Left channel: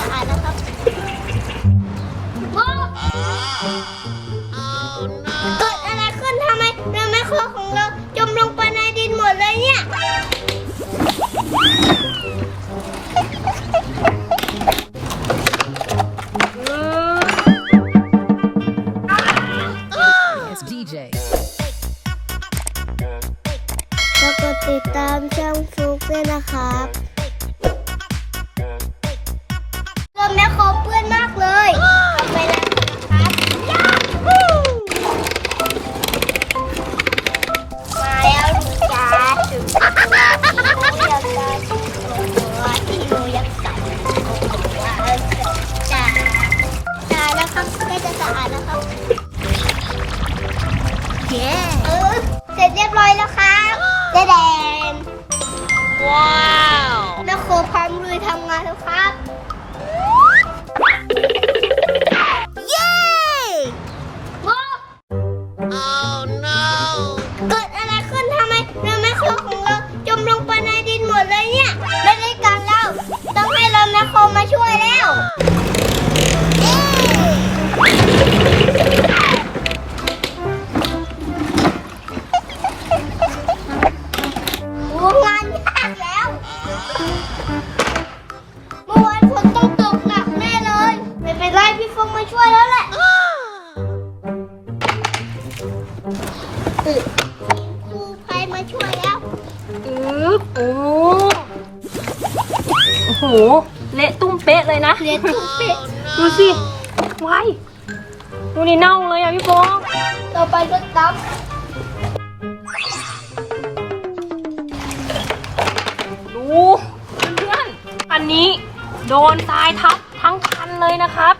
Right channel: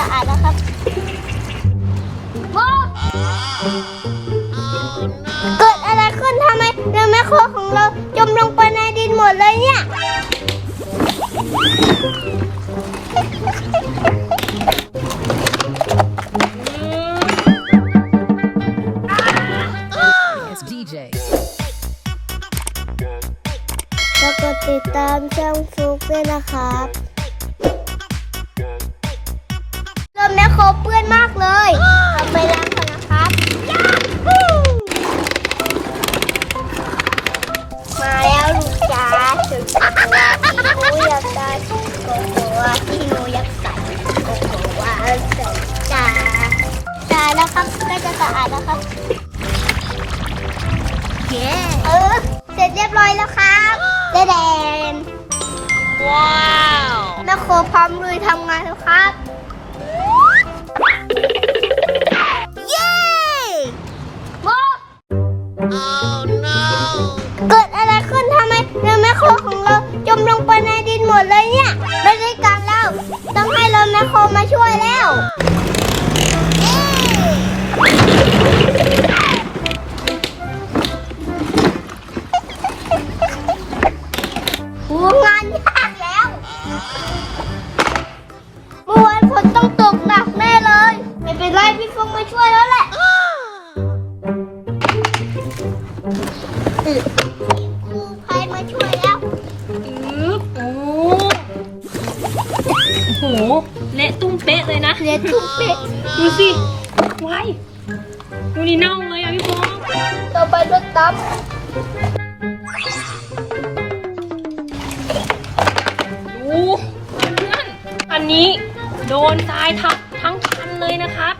จะอ่านนะครับว้าว เกิดอะไรขึ้นทำไมเรือแมคโครของเราจมลงไปในดินหมดเลยเนี่ย ลุยทำงานครับ โอ้โหเละตุ้มเป๊ะเลยนะเรียนทุกเป็ดดูสิไว้ดูนี่เน่าเลยอะพี่โฟองต่อไปรถตับดูเพื่อนๆอันนี้โดนทรายทับทั้งคันเลยนะครับ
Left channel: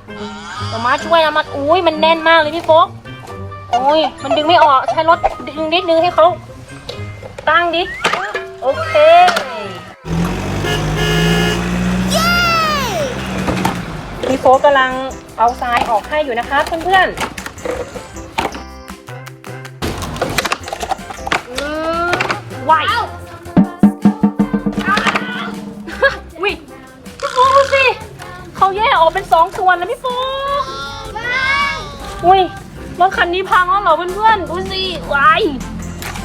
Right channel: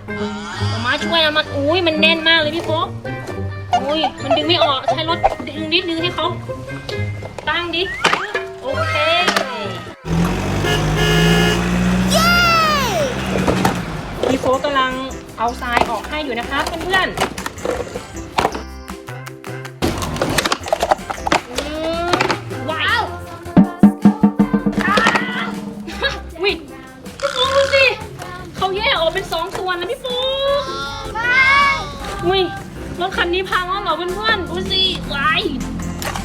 มามาช่วยเอามาอุ้ยมันแน่นมากเลยพี่โฟองโอ้ยมันดึงไม่ออกใช้รถดึงนิดนึงให้เขาตั้งดิโอเค พี่โฟกกำลังเอาทรายออกให้อยู่นะคะเพื่อนๆอืมว้าววิพี่โฟกดูสิเขาแยกออกเป็นสองส่วนนะพี่โฟกอุ้ยรถคันนี้พังแล้วเหรอเพื่อนๆดูสิวาย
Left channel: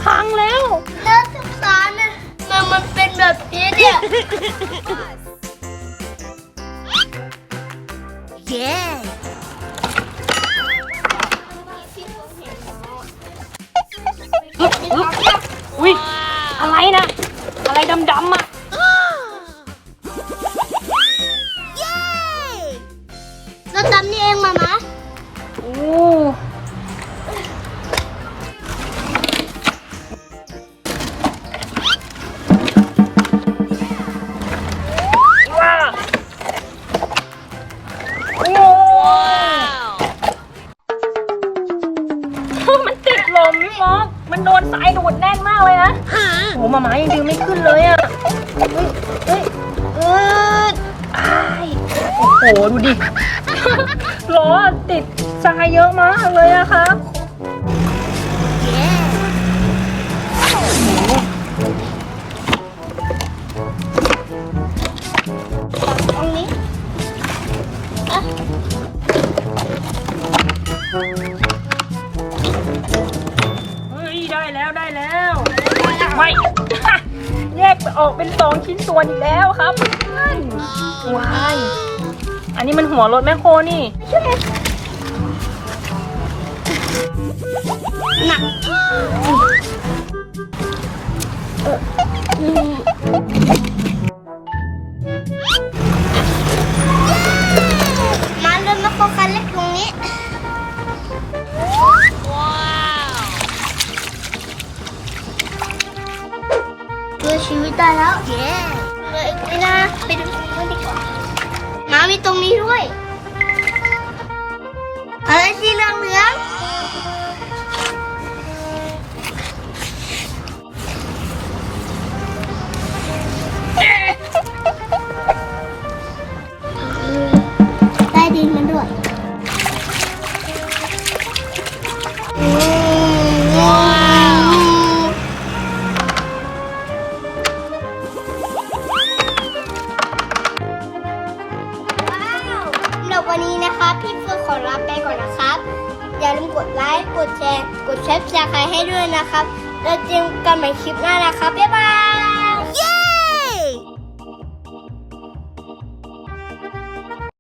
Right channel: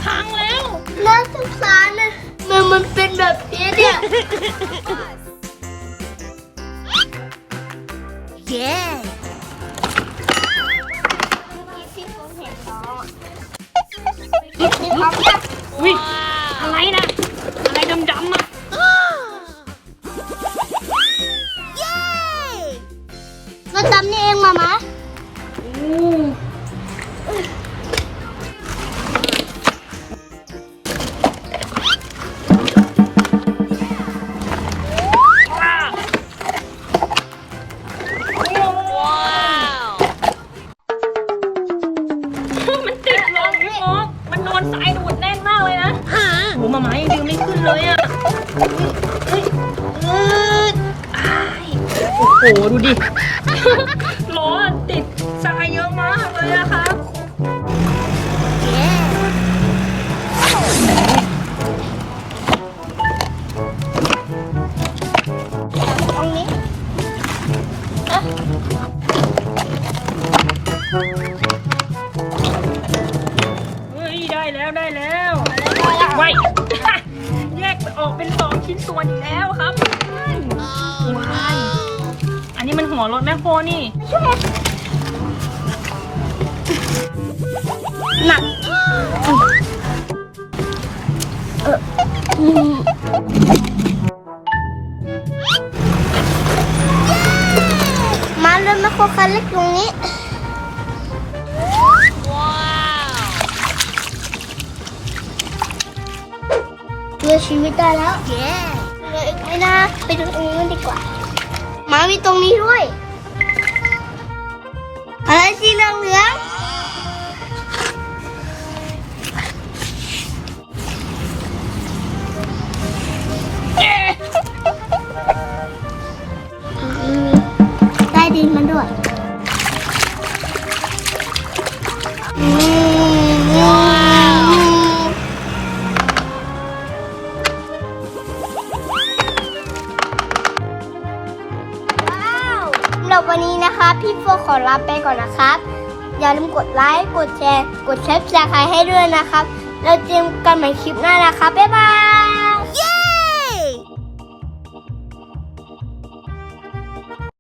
พังแล้วน่าสงสารนะมันมันเป็นแบบนี้เนี่ย เย้อุ้ยอะไรนะ อะไรดำๆอะ มาม้ายังยืนไม่ขึ้นเลยอะเฮ้ยเอ้ยอ้ายโอ้โห ดูดิ ล้อติดทรายเยอะมากเลยอะครับเย้ตรงนี้อะ จะออกเป็นสองชิ้นส่วนอีกแล้วครับว้ายอันนี้มันหัวรถแมคโครนี่หนัก แล้วเย้เหลืออีกนิดนะไปดูตรงนี้นดีกว่าหมามีตรงนี้ด้วย อะไรสีเหลืองเหลือง ไปก่อนนะครับ อย่าลืมกดไลค์ กดแชร์ กดแชร์ใครให้ด้วยนะครับแล้วเจอกันใหม่คลิปหน้านะครับ บ๊ายบาย